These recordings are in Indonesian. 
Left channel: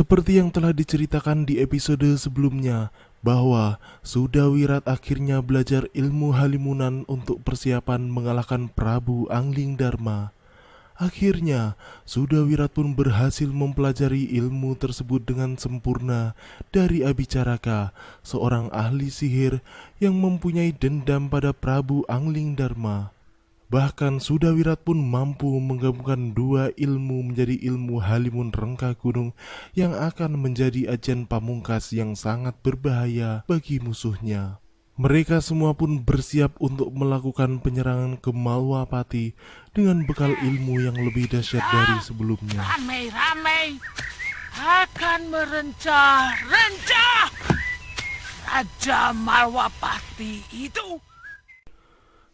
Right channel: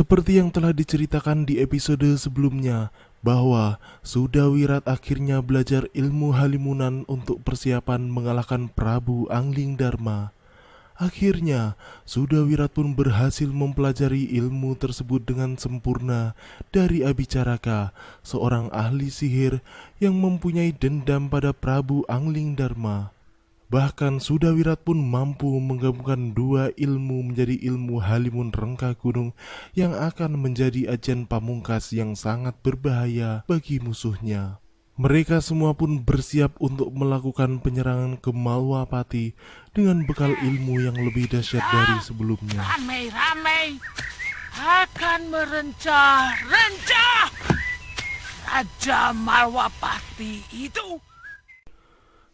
Seperti yang telah diceritakan di episode sebelumnya, bahwa Sudawirat akhirnya belajar ilmu halimunan untuk persiapan mengalahkan Prabu Anglingdarma. Akhirnya, Sudawirat pun berhasil mempelajari ilmu tersebut dengan sempurna dari Abicaraka, seorang ahli sihir yang mempunyai dendam pada Prabu Anglingdarma. Bahkan Sudawirat pun mampu menggabungkan dua ilmu menjadi ilmu halimun rengka gunung yang akan menjadi ajian pamungkas yang sangat berbahaya bagi musuhnya. Mereka semua pun bersiap untuk melakukan penyerangan ke Malwapati dengan bekal ilmu yang lebih dahsyat dari sebelumnya. Ramai-ramai akan merencah-rencah Raja Malwapati itu.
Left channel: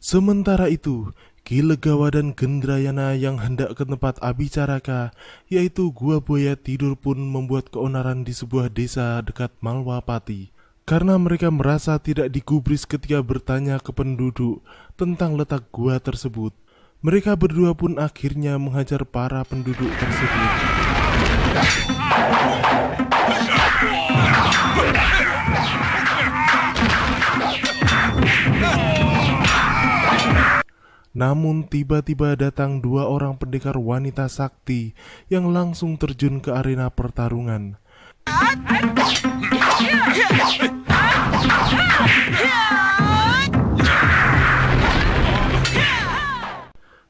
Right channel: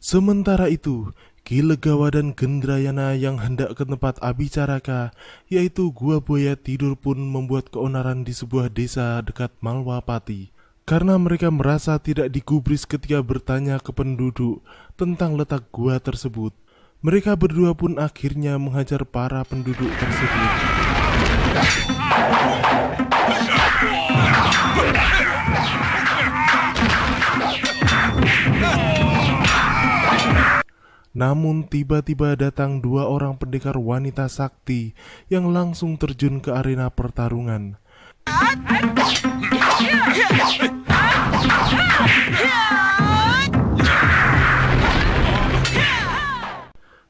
Sementara itu, Ki Legawa dan Gendrayana yang hendak ke tempat Abicaraka, yaitu Gua Buaya Tidur, pun membuat keonaran di sebuah desa dekat Malwapati. Karena mereka merasa tidak digubris ketika bertanya ke penduduk tentang letak gua tersebut. Mereka berdua pun akhirnya menghajar para penduduk tersebut. Namun tiba-tiba datang dua orang pendekar wanita sakti yang langsung terjun ke arena pertarungan.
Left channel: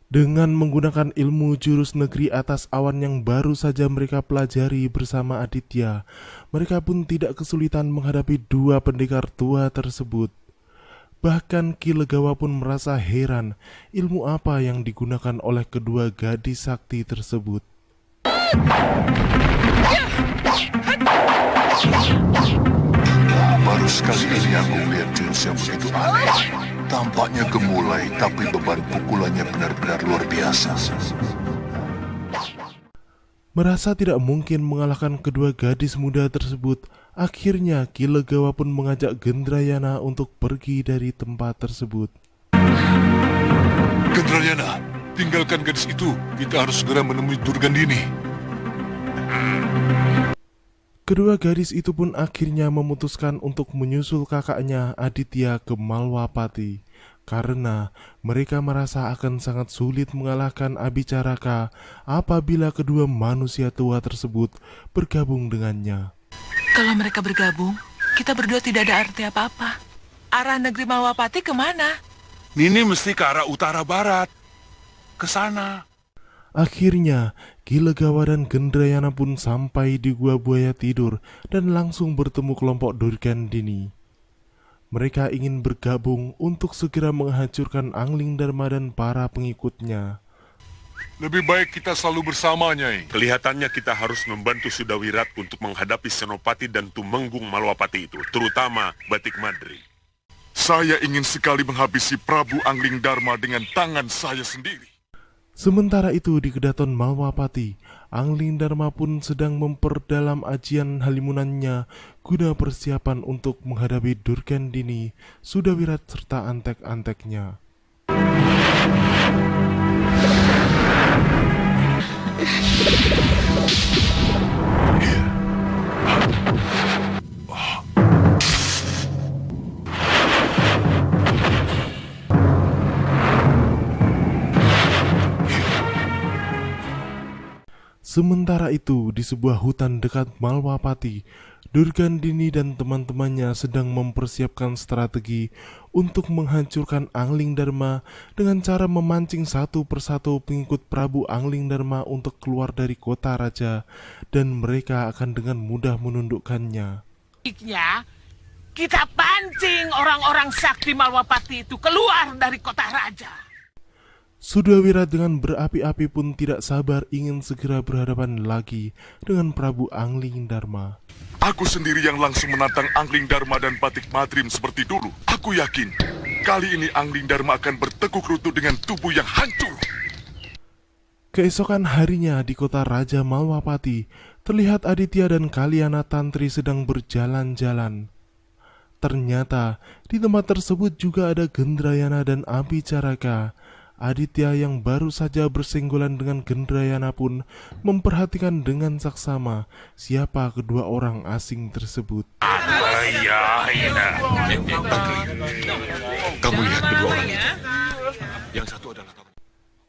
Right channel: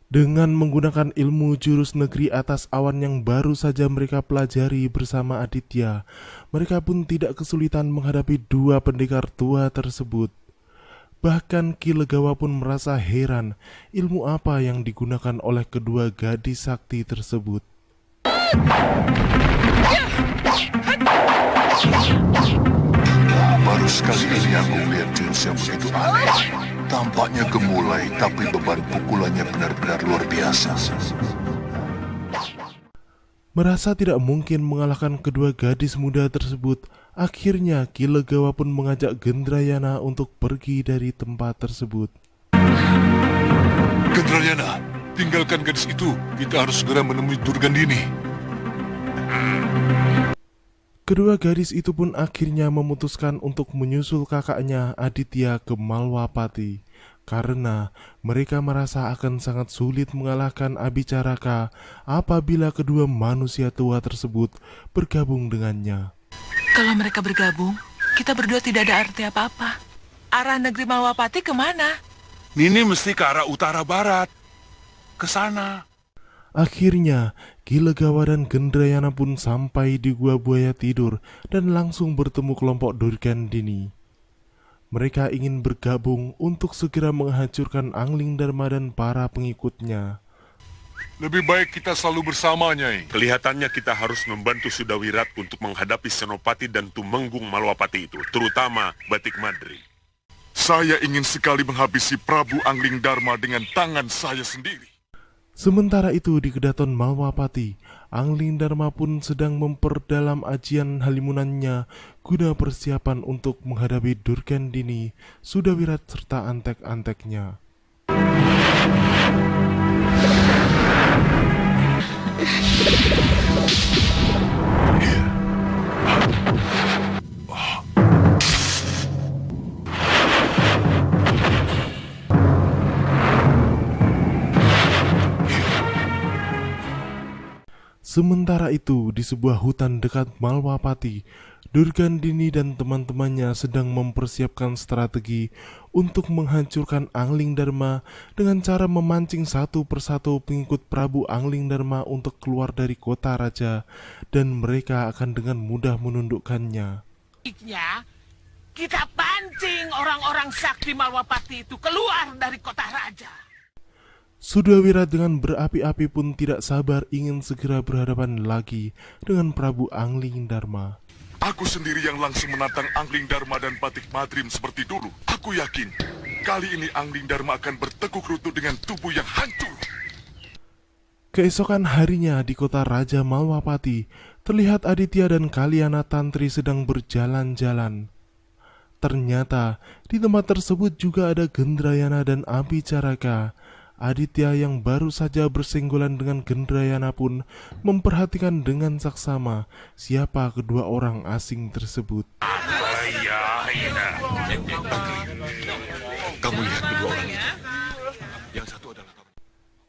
Dengan menggunakan ilmu jurus negeri atas awan yang baru saja mereka pelajari bersama Aditya, mereka pun tidak kesulitan menghadapi dua pendekar tua tersebut. Bahkan Ki Legawa pun merasa heran ilmu apa yang digunakan oleh kedua gadis sakti tersebut. Baru sekali ini aku melihat jurus yang begitu aneh. Tampaknya gemulai, tapi beban pukulannya benar-benar luar biasa. Merasa tidak mungkin mengalahkan kedua gadis muda tersebut, akhirnya Ki Legawa pun mengajak Gendrayana untuk pergi dari tempat tersebut. Gendrayana, tinggalkan gadis itu. Kita harus segera menemui Durgandini. Kedua gadis itu pun akhirnya memutuskan untuk menyusul kakaknya Aditya ke Malwapati, karena mereka merasa akan sangat sulit mengalahkan Abicaraka apabila kedua manusia tua tersebut bergabung dengannya. Kalau mereka bergabung, kita berdua tidak ada arti apa-apa. Arah negeri Malwapati kemana? Nini mesti ke arah utara-barat. Ke sana. Akhirnya, Ki Legawa dan Gendrayana pun sampai di Gua Buaya Tidur dan langsung bertemu kelompok Durgandini. Mereka ingin bergabung untuk segera menghancurkan Anglingdarma dan para pengikutnya. Lebih baik kita selalu bersama, Nyai. Kelihatannya kita harus membantu Sudawirat untuk menghadapi Senopati dan Tumenggung Malwapati itu, terutama Batik Madri. Saya ingin sekali menghabisi Prabu Anglingdarma dengan tangan saya sendiri. Sementara itu di Kedaton Malwapati, Anglingdarma pun sedang memperdalam ajian halimunannya guna persiapan untuk menghadapi Durgandini, Sudawirat serta antek-anteknya. Sementara itu, di sebuah hutan dekat Malwapati, Durgandini dan teman-temannya sedang mempersiapkan strategi untuk menghancurkan Anglingdarma dengan cara memancing satu persatu pengikut Prabu Anglingdarma untuk keluar dari kota raja, dan mereka akan dengan mudah menundukkannya. Kita pancing orang-orang sakti Malwapati itu keluar dari kota raja. Sudawirat dengan berapi-api pun tidak sabar ingin segera berhadapan lagi dengan Prabu Anglingdarma. Aku sendiri yang langsung menantang Anglingdarma dan Batik Madrim seperti dulu. Aku yakin kali ini Anglingdarma akan bertekuk lutut dengan tubuh yang hancur. Keesokan harinya di kota Raja Malwapati, terlihat Aditya dan Kalyana Tantri sedang berjalan-jalan. Ternyata di tempat tersebut juga ada Gendrayana dan Abicaraka. Aditya yang baru saja bersenggolan dengan Gendrayana pun memperhatikan dengan saksama siapa kedua orang asing tersebut.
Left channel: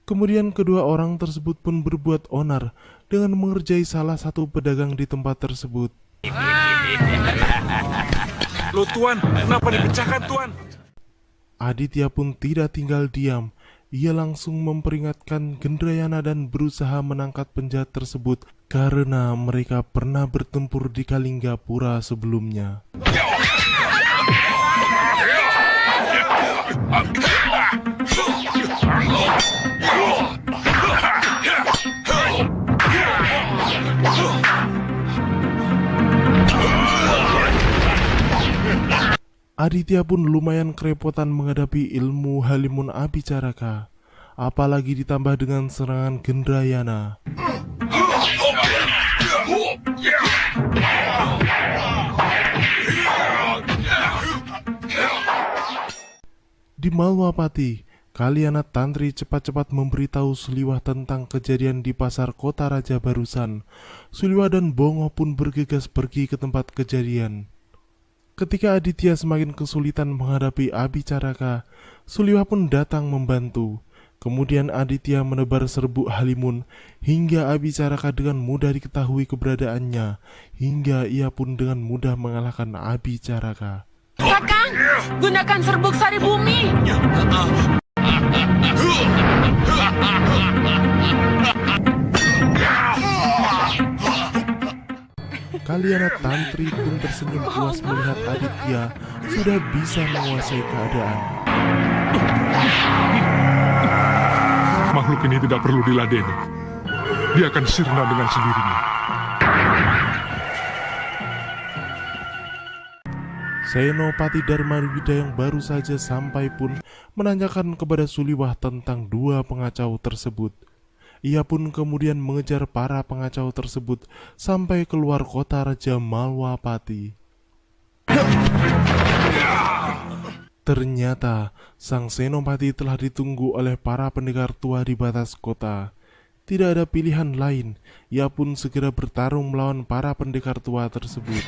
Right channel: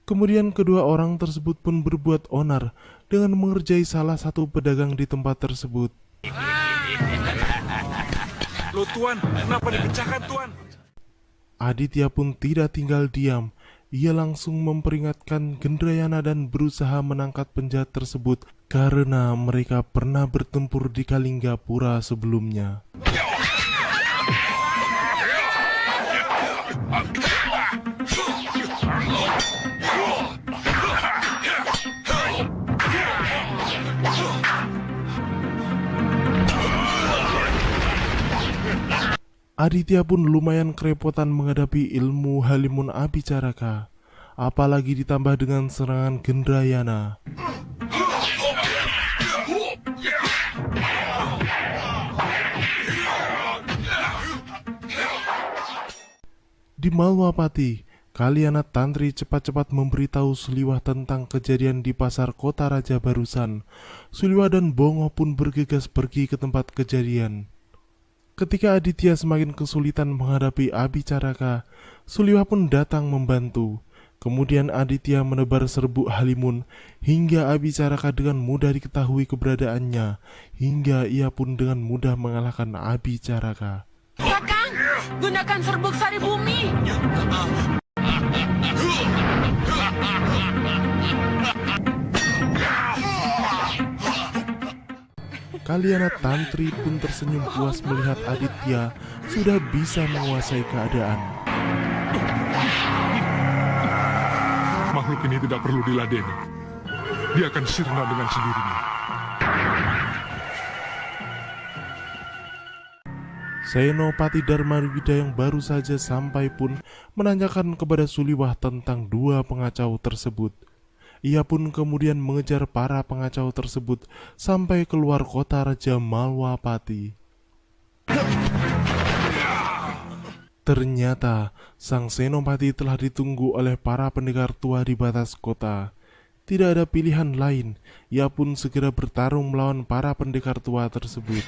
Kemudian kedua orang tersebut pun berbuat onar dengan mengerjai salah satu pedagang di tempat tersebut. Loh Tuan, kenapa dipecahkan Tuan? Aditya pun tidak tinggal diam. Ia langsung memperingatkan Gendrayana dan berusaha menangkap penjahat tersebut karena mereka pernah bertempur di Kalinggapura sebelumnya. Aditya pun lumayan kerepotan menghadapi ilmu Halimun Abicaraka, apalagi ditambah dengan serangan Gendrayana. Di Malwapati, Kalyana Tantri cepat-cepat memberitahu Suliwah tentang kejadian di pasar kota raja barusan. Suliwah dan Bongo pun bergegas pergi ke tempat kejadian. Ketika Aditya semakin kesulitan menghadapi Abicaraka, Suliwah pun datang membantu. Kemudian Aditya menebar serbuk Halimun hingga Abicaraka dengan mudah diketahui keberadaannya, hingga ia pun dengan mudah mengalahkan Abicaraka. Kakang, gunakan serbuk sari bumi. Kalyana Tantri pun tersenyum puas melihat Aditya sudah bisa menguasai keadaan. Makhluk ini tidak perlu diladeni. Dia akan sirna dengan sendirinya. Senopati Dharmawida yang baru saja sampai pun menanyakan kepada Suliwah tentang dua pengacau tersebut. Ia pun kemudian mengejar para pengacau tersebut sampai keluar kota Raja Malwapati. Ternyata sang senopati telah ditunggu oleh para pendekar tua di batas kota. Tidak ada pilihan lain, ia pun segera bertarung melawan para pendekar tua tersebut.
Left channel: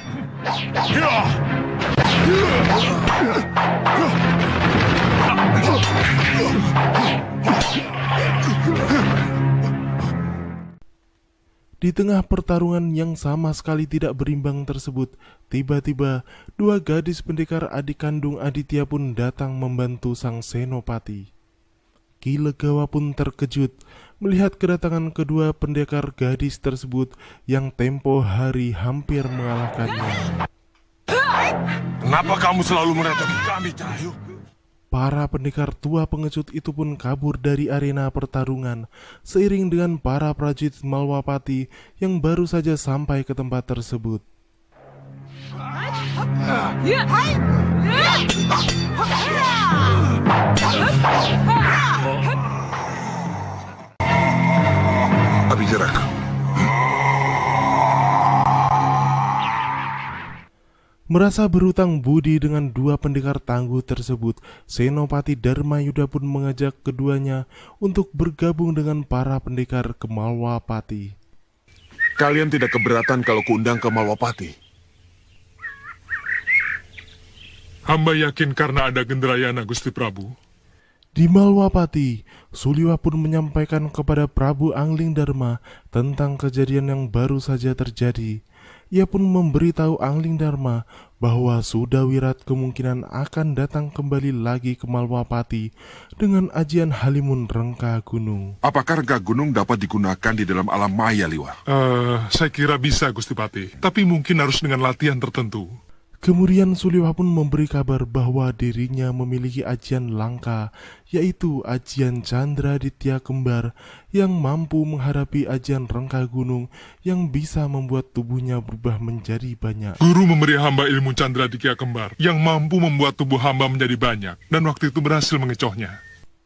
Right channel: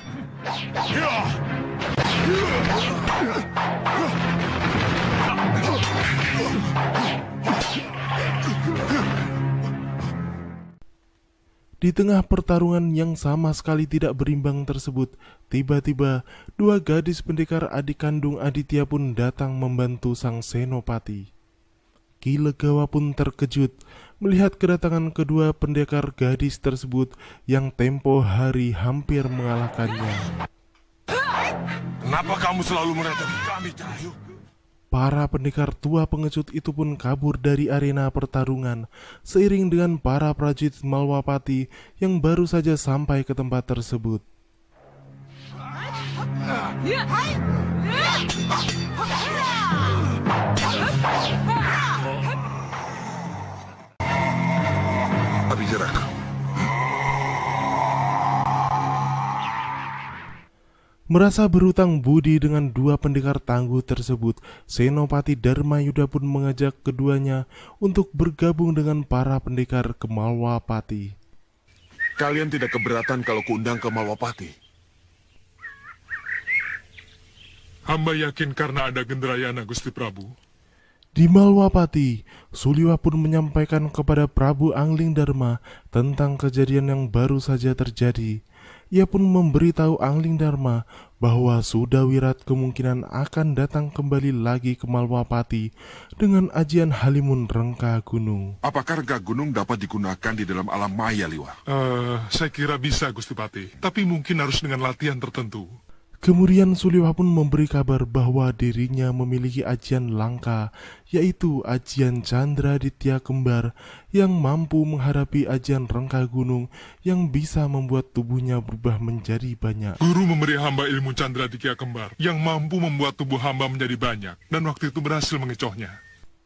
Di tengah pertarungan yang sama sekali tidak berimbang tersebut, tiba-tiba dua gadis pendekar adik kandung Aditya pun datang membantu sang senopati. Ki Legawa pun terkejut melihat kedatangan kedua pendekar gadis tersebut yang tempo hari hampir mengalahkannya. Kenapa kamu selalu mendatangi kami, Cahayu? Para pendekar tua pengecut itu pun kabur dari arena pertarungan seiring dengan para prajurit Malwapati yang baru saja sampai ke tempat tersebut. Abicaraka. Merasa berutang budi dengan dua pendekar tangguh tersebut, Senopati Dharmayuda pun mengajak keduanya untuk bergabung dengan para pendekar ke Malwapati. Kalian tidak keberatan kalau kuundang ke Malwapati? Hamba yakin karena ada Gendrayana, Gusti Prabu. Di Malwapati, Suliwah pun menyampaikan kepada Prabu Anglingdarma tentang kejadian yang baru saja terjadi. Ia pun memberitahu Anglingdarma bahwa Sudawirat kemungkinan akan datang kembali lagi ke Malwapati dengan ajian Halimun Rengka Gunung. Apakah Rengka Gunung dapat digunakan di dalam alam maya, Liwa? Saya kira bisa, Gusti Pati. Tapi mungkin harus dengan latihan tertentu. Kemudian Suliwah pun memberi kabar bahwa dirinya memiliki ajian langka, yaitu ajian Candraditya Kembar yang mampu menghadapi ajian Rengka Gunung yang bisa membuat tubuhnya berubah menjadi banyak. Guru memberi hamba ilmu Candraditya Kembar yang mampu membuat tubuh hamba menjadi banyak, dan waktu itu berhasil mengecohnya.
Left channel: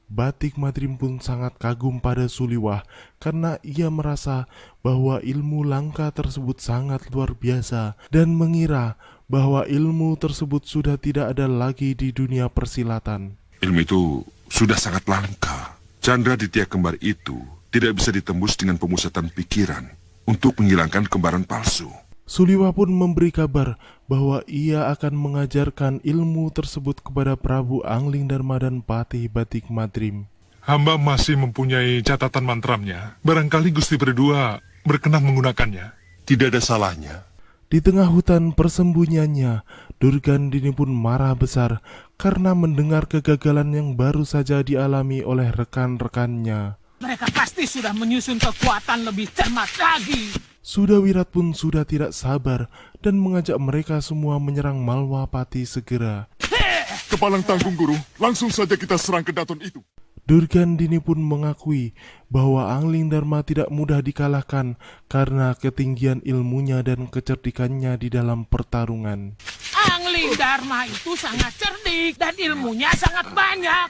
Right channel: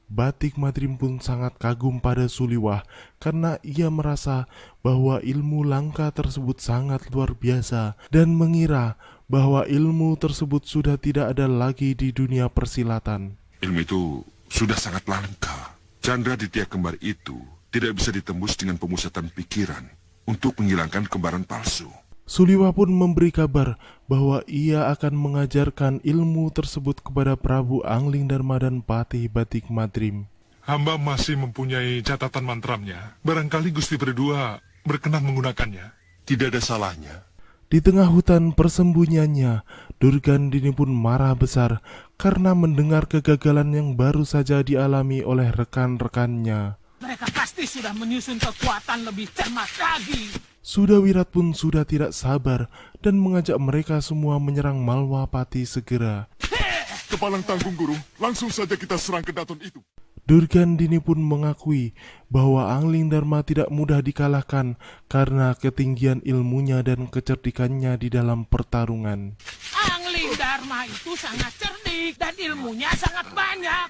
Batik Madrim pun sangat kagum pada Suliwah karena ia merasa bahwa ilmu langka tersebut sangat luar biasa dan mengira bahwa ilmu tersebut sudah tidak ada lagi di dunia persilatan. Ilmu itu sudah sangat langka. Chandra Ditya kembar itu tidak bisa ditembus dengan pemusatan pikiran untuk menghilangkan kembaran palsu. Suliwah pun memberi kabar bahwa ia akan mengajarkan ilmu tersebut kepada Prabu Anglingdarma dan Patih Batik Madrim. Hamba masih mempunyai catatan mantramnya. Barangkali Gusti berdua berkenan menggunakannya. Tidak ada salahnya. Di tengah hutan persembunyiannya, Durgandini pun marah besar karena mendengar kegagalan yang baru saja dialami oleh rekan-rekannya. Mereka pasti sudah menyusun kekuatan lebih cermat lagi. Sudawirat pun sudah tidak sabar dan mengajak mereka semua menyerang Malwapati segera. Kepalang tanggung, Guru. Langsung saja kita serang ke Daton itu. Durgandini pun mengakui bahwa Anglingdarma tidak mudah dikalahkan karena ketinggian ilmunya dan kecerdikannya di dalam pertarungan. Anglingdarma itu sangat cerdik dan ilmunya sangat banyak.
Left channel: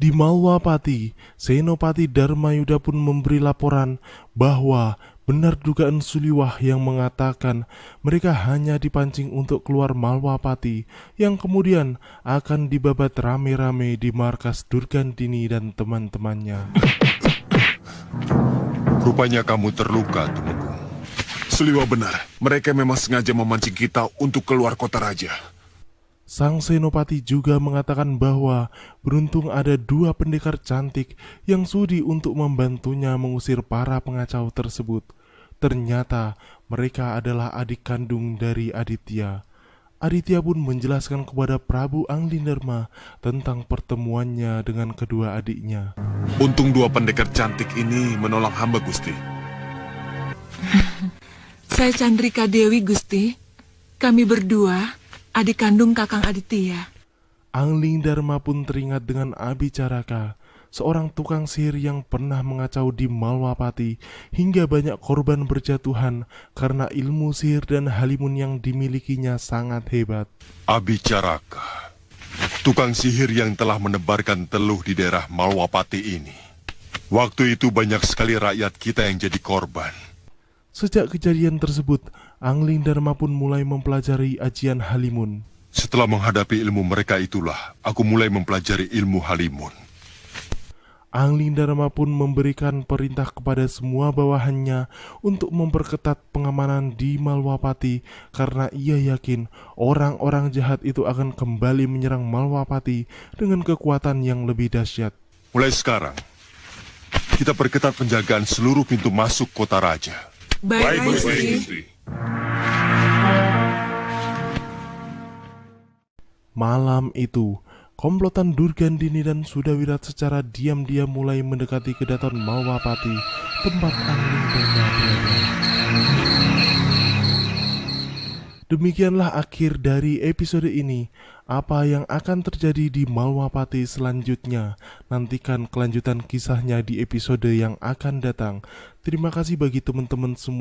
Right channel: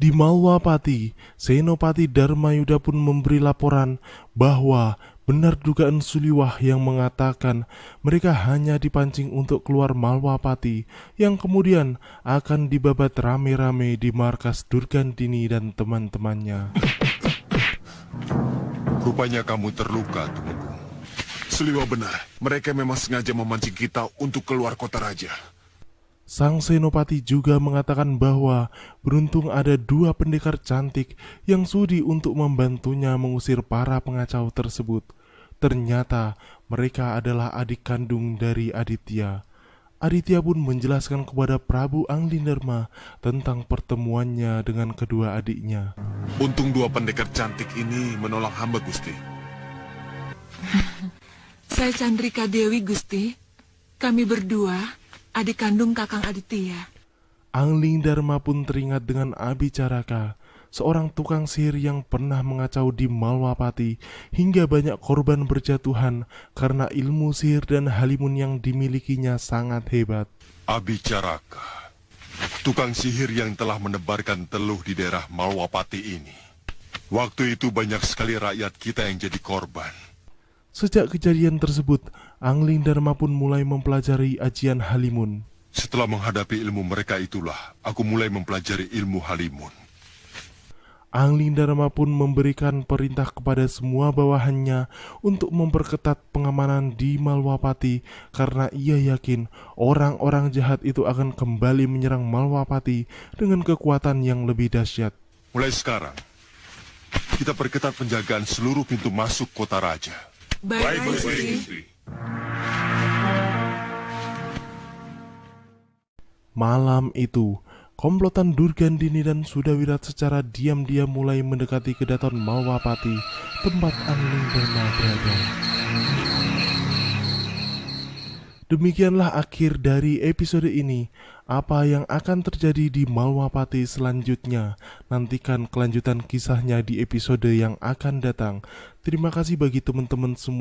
Di Malwapati, Senopati Dharmayuda pun memberi laporan bahwa benar dugaan Suliwah yang mengatakan mereka hanya dipancing untuk keluar Malwapati yang kemudian akan dibabat rame-rame di markas Durgandini dan teman-temannya. Rupanya kamu terluka, Tumenggung. Suliwah benar. Mereka memang sengaja memancing kita untuk keluar kota raja. Sang Senopati juga mengatakan bahwa beruntung ada 2 pendekar cantik yang sudi untuk membantunya mengusir para pengacau tersebut. Ternyata mereka adalah adik kandung dari Aditya. Aditya pun menjelaskan kepada Prabu Anglingdarma tentang pertemuannya dengan kedua adiknya. Untung 2 pendekar cantik ini menolong hamba, Gusti. Saya Chandrika Dewi, Gusti. Kami berdua adik kandung Kakang Aditya. Anglingdarma pun teringat dengan Abicaraka, seorang tukang sihir yang pernah mengacau di Malwapati hingga banyak korban berjatuhan karena ilmu sihir dan halimun yang dimilikinya sangat hebat. Abicaraka, tukang sihir yang telah menebarkan teluh di daerah Malwapati ini. Waktu itu banyak sekali rakyat kita yang jadi korban. Sejak kejadian tersebut, Anglingdarma pun mulai mempelajari ajian halimun. Setelah menghadapi ilmu mereka itulah, aku mulai mempelajari ilmu halimun. Anglingdarma pun memberikan perintah kepada semua bawahannya untuk memperketat pengamanan di Malwapati karena ia yakin orang-orang jahat itu akan kembali menyerang Malwapati dengan kekuatan yang lebih dahsyat. Mulai sekarang, kita perketat penjagaan seluruh pintu masuk kota raja. Baik, Gusti. Malam itu, komplotan Durgandini dan Sudawirat secara diam-diam mulai mendekati kedaton Malwapati, tempat Anglingdarma berada. Demikianlah akhir dari episode ini. Apa yang akan terjadi di Malwapati selanjutnya? Nantikan kelanjutan kisahnya di episode yang akan datang. Terima kasih bagi teman-teman semua